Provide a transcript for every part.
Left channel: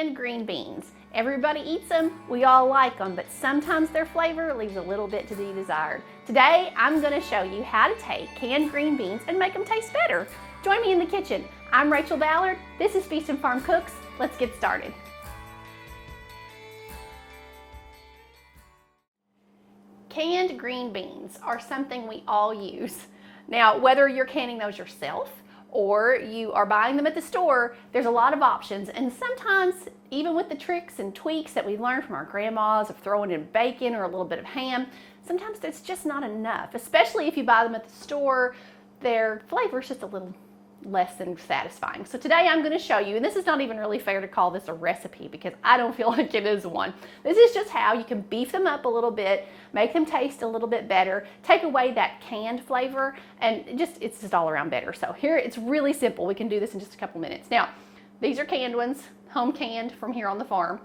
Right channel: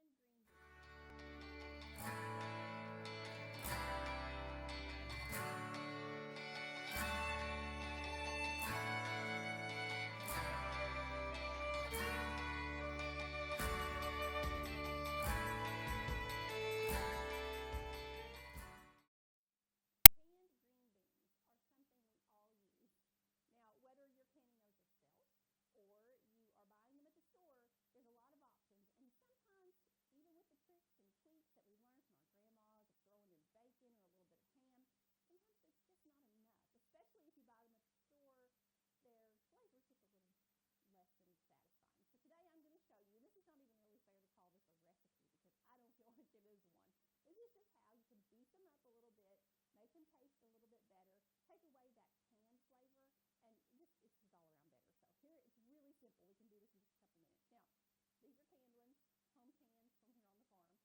canned green beans. Everybody eats them, we all like them, but sometimes their flavor leaves a little bit to be desired. Today, I'm going to show you how to take canned green beans and make them taste better. Join me in the kitchen. I'm Rachel Ballard. This is Feast and Farm Cooks. Let's get started. Canned green beans are something we all use. Now, whether you're canning those yourself or you are buying them at the store, there's a lot of options, and sometimes even with the tricks and tweaks that we learned from our grandmas of throwing in bacon or a little bit of ham, sometimes that's just not enough, especially if you buy them at the store. Their flavor is just a little less than satisfying. So today I'm going to show you, and this is not even really fair to call this a recipe because I don't feel like it is one. This is just how you can beef them up a little bit, make them taste a little bit better, take away that canned flavor, and it's just all around better. So here, it's really simple. We can do this in just a couple minutes. Now, these are canned ones, home canned from here on the farm.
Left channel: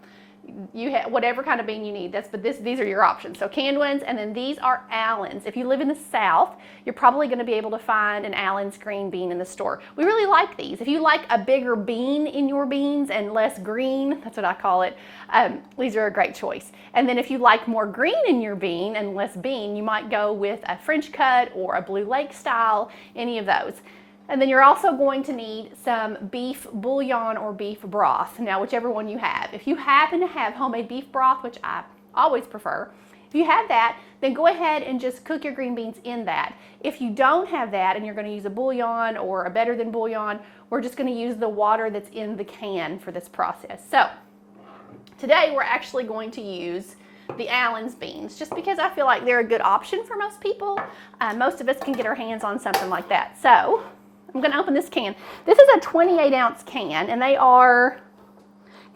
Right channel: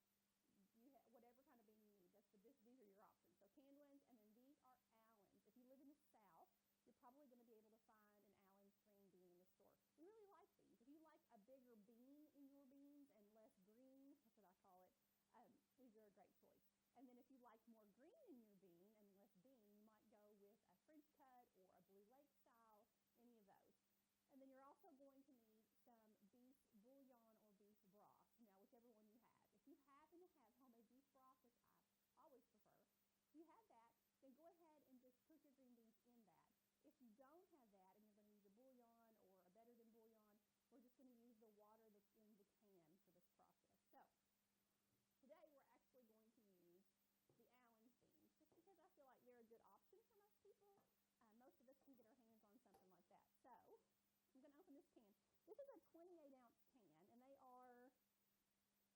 You have whatever kind of bean you need. These are your options. So canned ones, and then these are Allen's. If you live in the South, you're probably going to be able to find an Allen's green bean in the store. We really like these. If you like a bigger bean in your beans and less green, that's what I call it, these are a great choice. And then if you like more green in your bean and less bean, you might go with a French cut or a Blue Lake style, any of those. And then you're also going to need some beef bouillon or beef broth, now whichever one you have. If you happen to have homemade beef broth, which I always prefer, if you have that, then go ahead and just cook your green beans in that. If you don't have that and you're going to use a bouillon or a better than bouillon, we're just going to use the water that's in the can for this process. So today we're actually going to use the Allen's beans, just because I feel like they're a good option for most people. Most of us can get our hands on something like that. So I'm going to open this can. This is a 28-ounce can, and they are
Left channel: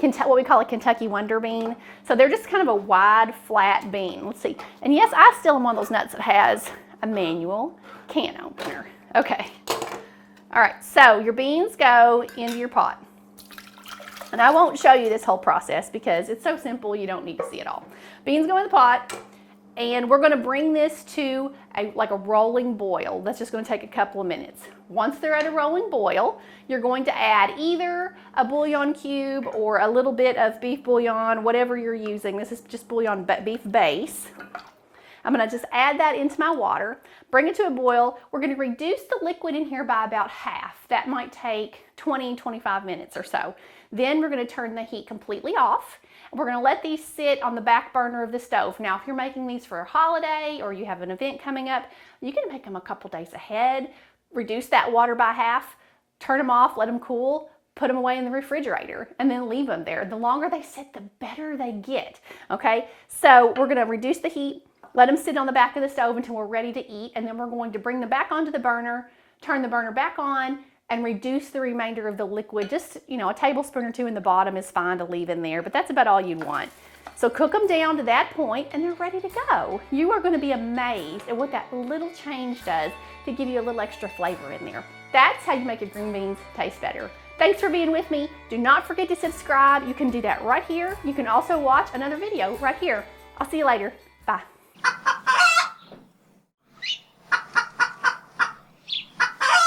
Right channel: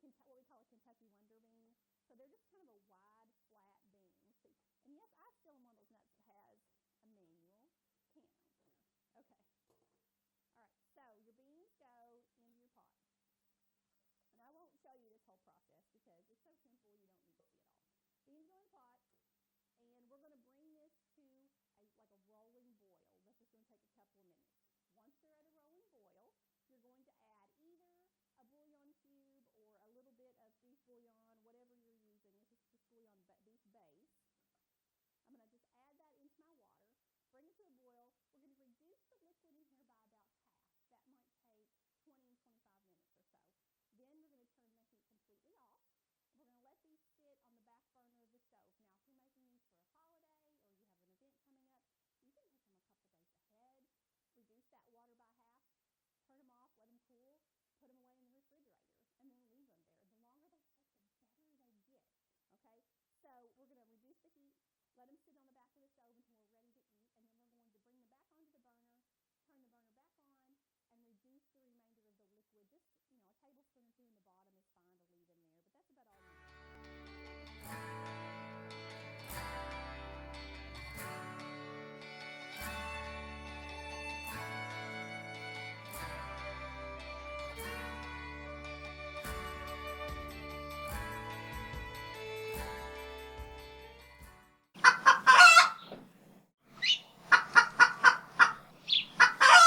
what we call a Kentucky Wonder Bean. So they're just kind of a wide, flat bean. Let's see. And yes, I still am one of those nuts that has a manual can opener. Okay. All right, so your beans go into your pot. And I won't show you this whole process because it's so simple you don't need to see it all. Beans go in the pot, and we're going to bring this to like a rolling boil. That's just going to take a couple of minutes. Once they're at a rolling boil, you're going to add either a bouillon cube or a little bit of beef bouillon, whatever you're using. This is just bouillon beef base. I'm going to just add that into my water, bring it to a boil. We're going to reduce the liquid in here by about half. That might take 20-25 minutes or so. Then we're going to turn the heat completely off. We're going to let these sit on the back burner of the stove. Now, if you're making these for a holiday or you have an event coming up, you can make them a couple days ahead, reduce that water by half, turn them off, let them cool, put them away in the refrigerator, and then leave them there. The longer they sit, the better they get, okay? So we're going to reduce the heat, let them sit on the back of the stove until we're ready to eat, and then we're going to bring them back onto the burner, turn the burner back on, and reduce the remainder of the liquid. Just, a tablespoon or two in the bottom is fine to leave in there, but that's about all you'd want. So cook them down to that point and they're ready to go. You are going to be amazed at what that little change does to give you a little extra flavor in there. That's how you make your green beans taste better. Thanks for being with me. Do not forget to subscribe. You can do that right here. You can also watch another video right here. I'll see you later. Bye.